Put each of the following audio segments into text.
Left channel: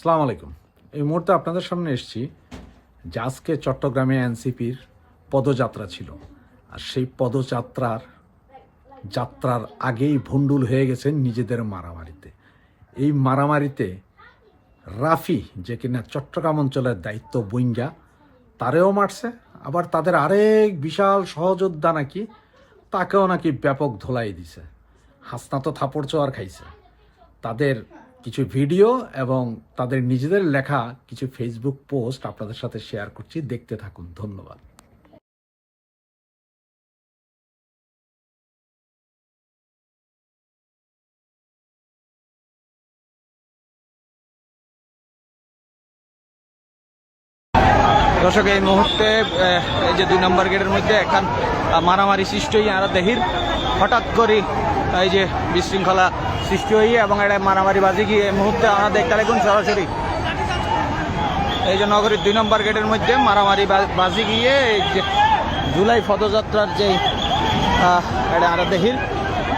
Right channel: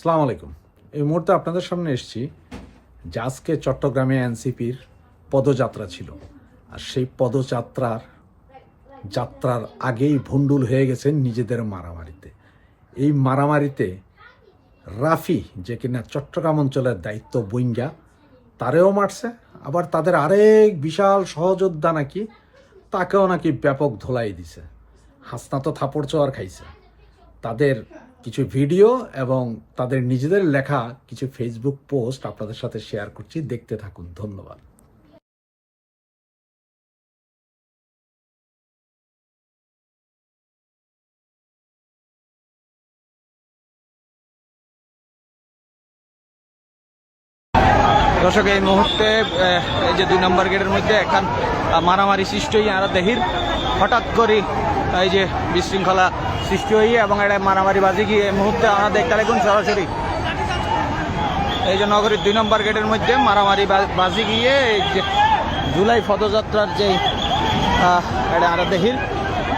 সালাম আলাইকুম। এই মুহূর্তে আপনাদের সামনে এসেছি যে চট্টগ্রামে এনসিপির পদযাত্রা ছিল। আর সেই পদযাত্রার যাত্রার আগেই ভণ্ডুল হয়ে গেছেন নিজেদের মারামারিতে। এই মারামারিতে রাফি, যে কিনা চট্টগ্রাম অঞ্চলের দায়িত্ব বইঙ্গা, তারেও মারছে। আবার তাদের আরেক বিশাল সহযোদ্ধা নাকি, তাকেও নাকি ব্যাপক ধোলাই দিছে। হাসনা তো থাপড় চোয়ার খাইছে। তাদের কিছু ভিডিও এবং তাদের নিজেদের লেখা কিছু ফেসবুক পোস্ট আপনাদের সাথে শেয়ার করছি। দেখতে থাকুন। ধন্যবাদ। দর্শক এই মুহূর্তে এই যে দুই নম্বর গেটের মধ্যে আহ, মারামারি সৃষ্টি আর দেহির হঠাৎ করে এই যে বিশৃঙ্খলা সৃষ্টি হয়ে এবং এটা মারামারি বাজি গিয়ে এই মুহূর্তে আমরা দেখতে লাগুন সরাসরি। এই যে নগরীর দুই নম্বর গেটের মধ্যে মারামারি বাজি গিয়ে এই যে জুলাই পদযাত্রার যে এটা আর দেহির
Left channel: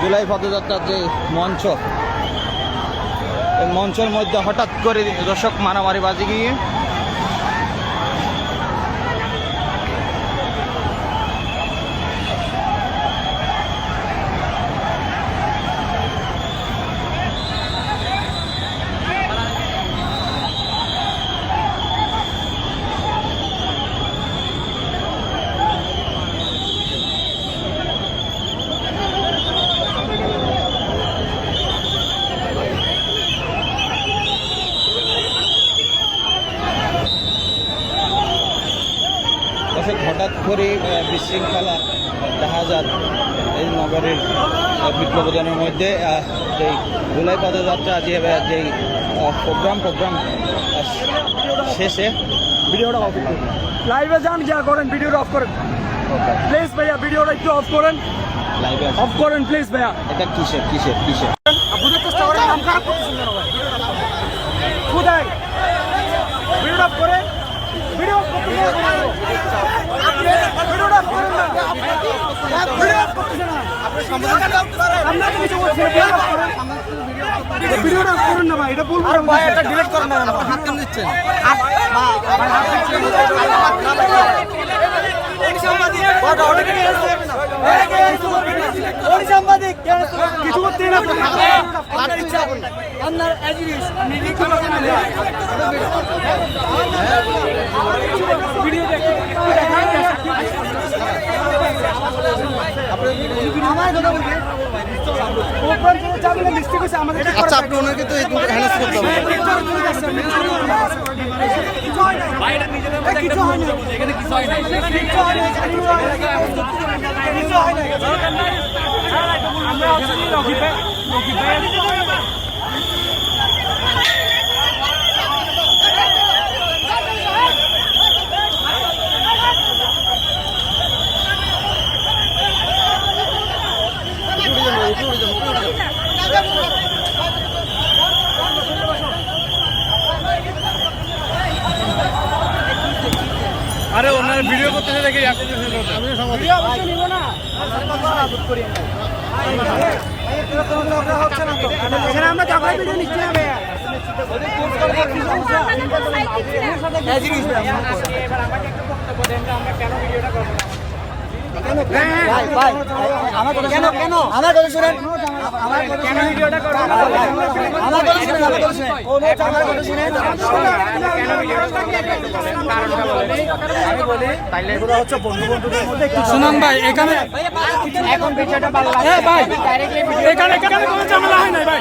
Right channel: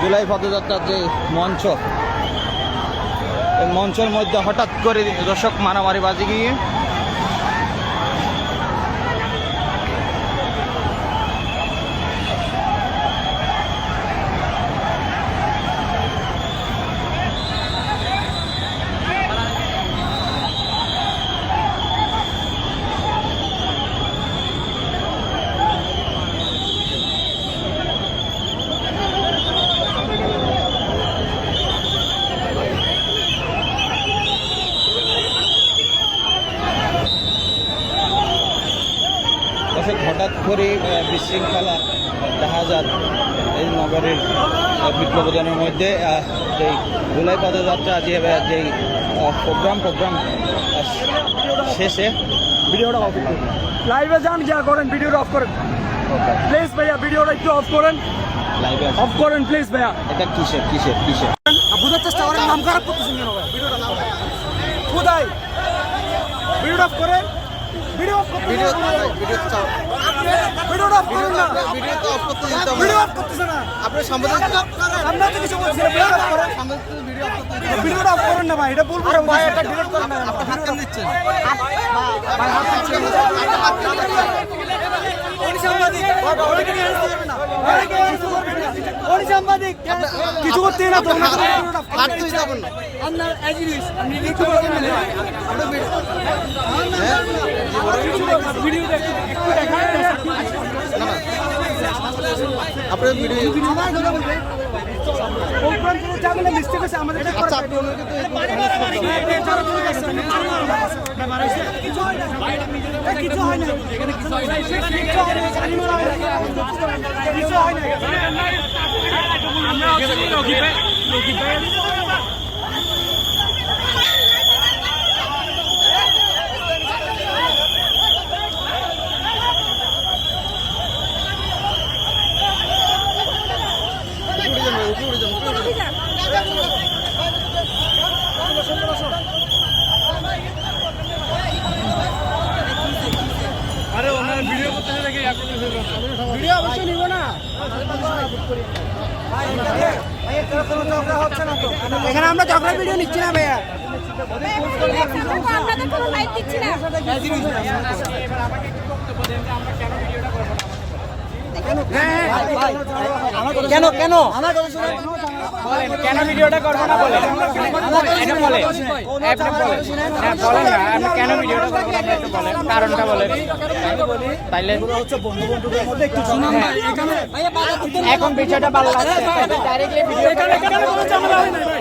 জুলাই পদযাত্রার যে মঞ্চ, এই মঞ্চের মধ্যে হঠাৎ করে দর্শক মারামারি বাজি গিয়ে দর্শক হঠাৎ করে আহ, বিশৃঙ্খলা দেখা যায় এই নগরের বিপ্লবজনের মধ্যে যেই জুলাই পদযাত্রা যে যেই প্রোগ্রাম প্রোগ্রাম শেষে ভিডিওটা অফ করুন লাইভে যান যা করেন ভিডিওটা অফ করেন। প্লিজ ভাইয়া ভিডিওটা একটু অফ করেন। লাইভে অফ করেন প্লিজ ভাইয়া। এটা কিসের কিসের কিসের? বুঝার চেষ্টা করেন নাম খারাপ করতেছেন কেন? কোথায়? ভিডিওটা অফ করেন। ভিডিও অফ করতেছেন না। আপনি ভিডিওটা ভিডিওটা করেন না ভাই এটা বলব ভাই এটা ডিলিট করেন না হাত কেন দিচ্ছেন কিছু করতে না আপনার ভিডিও আচ্ছা আপনি ওনাকে তো কিছু হয় না কিছু হয় না কিছু হয় না কিছু হয় না কিছু হয় না দরকার নাই আমরা লকি ভাই লকি ভাই ভিডিও অবশ্যই নিব না। এখানে আমরা ক্যামেরা ভিডিও নিচ্ছি না ভাইয়া কেন কেন আমার কথা শুনেন কেন ভিডিওটা করবেন আমার কথা শুনেন আমার কথা শুনেন কেন আমি বলি তাইলে এগুলো হচ্ছে বন্ধু বন্ধুদের মধ্যে একটু শুনুন ভাই এখানে এখন বিষয়টা ভালো লাগছে এখানে কেন কোনো ঝামেলা হয় না ভাই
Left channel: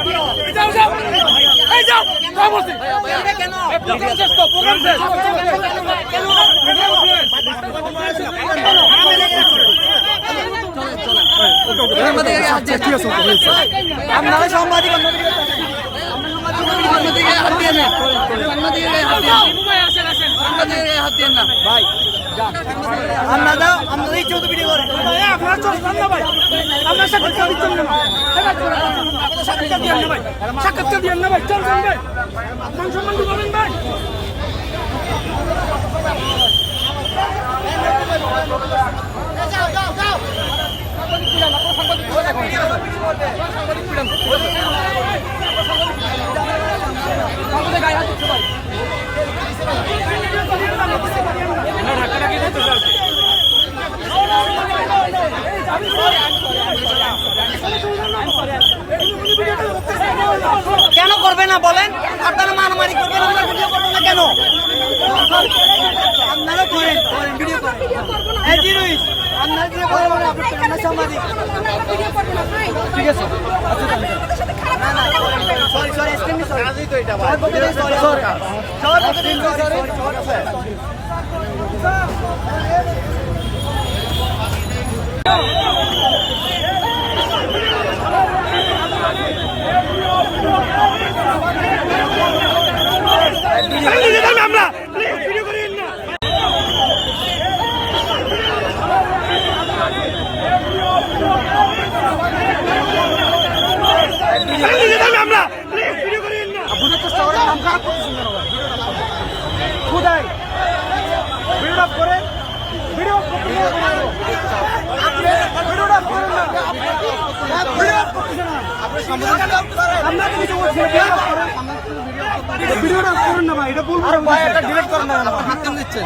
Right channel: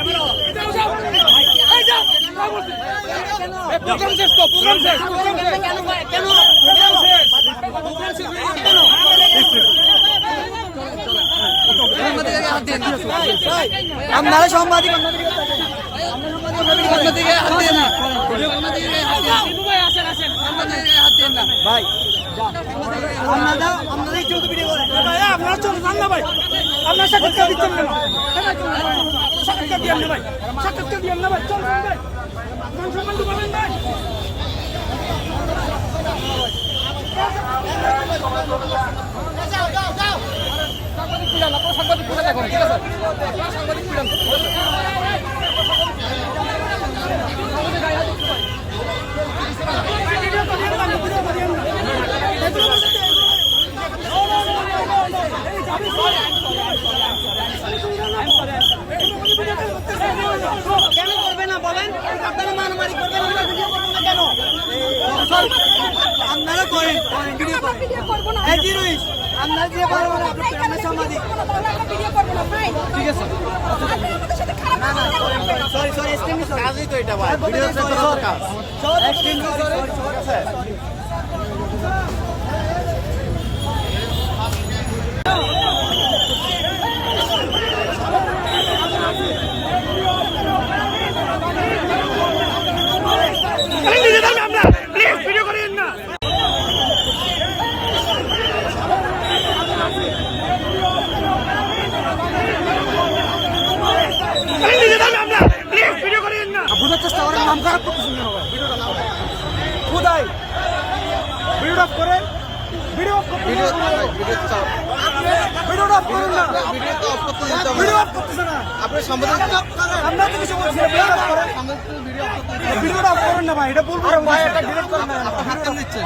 আপনারা সাংবাদিক অন্যদিকে হাত দিয়ে না আপনারা আপনারা ভিডিও করেন আপনারা চল না ভাই। আপনার সাক্ষাৎকার দিচ্ছেন না সাক্ষাৎকার দিয়েন না ভাই। সাক্ষাৎকার দিয়েন ভাই। চল ভাই। মান সম্মান পাবেন ভাই করবে না বলেন আপনারা মারামারি করবেন আমরা ভিডিও করব না কেন আপনারা করেন করেন ভিডিও করেন এই জিরুই আপনারা যে করেন আপনারা সাংবাদিক ঠিক আছে না না sorry sorry extremely sorry sorry sorry sorry extremely sorry sorry sorry আমরা ভিডিও করি না আমরা ভিডিও করি না বুঝার চেষ্টা করেন নাম খারাপ করতেছেন কেন কোথায়? ভিডিও করে? ভিডিও ভিডিওটা করেন না। করে ভিডিওটা করেন ভাই। এটা করেন ভাই এটা ডিলিট করুন না। হাত কেন দিচ্ছেন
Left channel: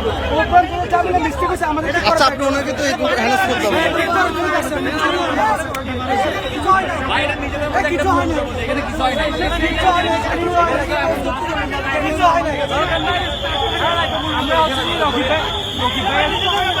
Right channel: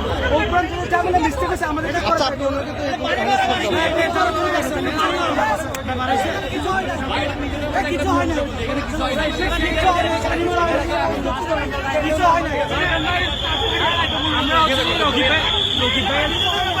আচ্ছা আপনি ওনাকে তো হ্যারাস করতে হবে এখানে আমরা দেখার ভিডিও নিচ্ছি না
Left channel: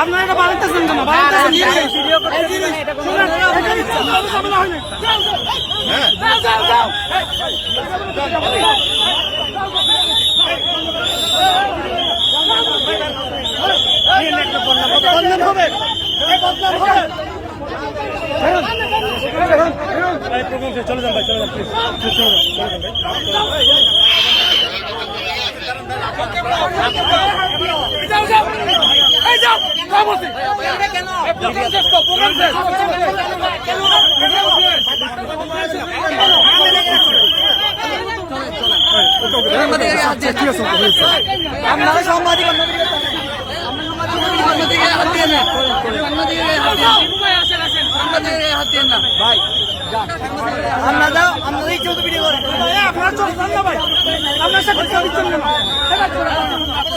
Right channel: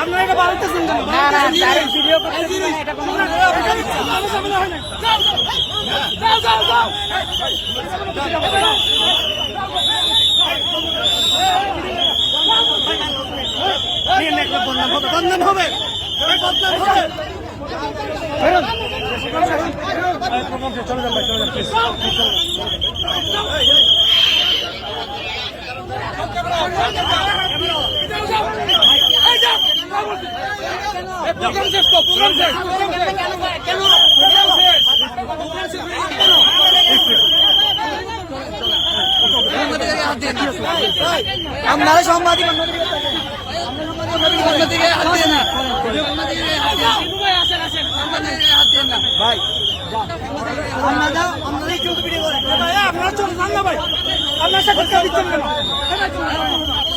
আপনারা এটা বাড়িতে শুনবেন না ভাই এটা শুনবেন এই জিনিস এখানে কোনো ঝামেলা হয় না যাও যাও যাও সাংবাদিকের হাত দিয়ে আপনারা সাংবাদিক অন্যদিকে হাত দিয়ে না সাংবাদিকের হাত দিয়ে হাত দিয়ে না ভাই আপনারা আপনারা এই চৌধুরী ভিডিও করেন আপনারা চলে যান না ভাই আপনার সাক্ষাৎকার দিচ্ছেন না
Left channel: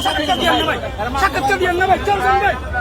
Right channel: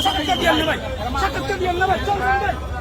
সাক্ষাৎকার দিয়েন না ভাই সাক্ষাৎকার দিয়েন না ভাই চল ভাই মান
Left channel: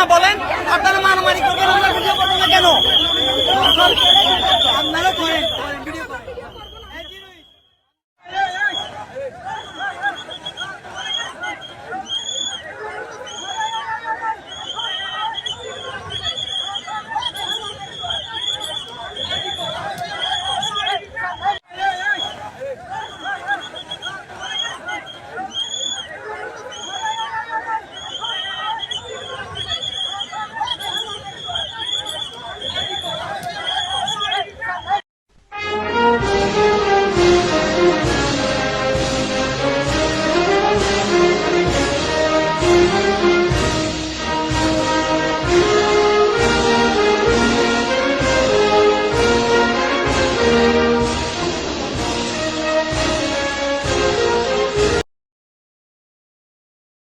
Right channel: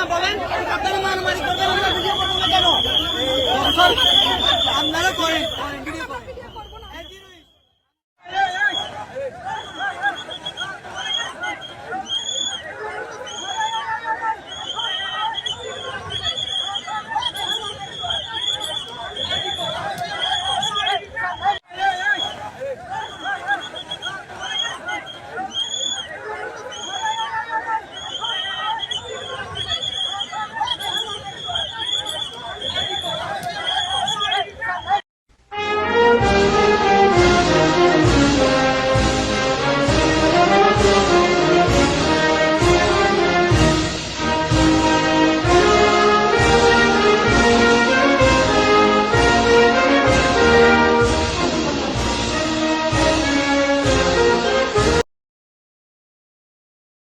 না বলেন আপনারা মারামারি করবেন কেন?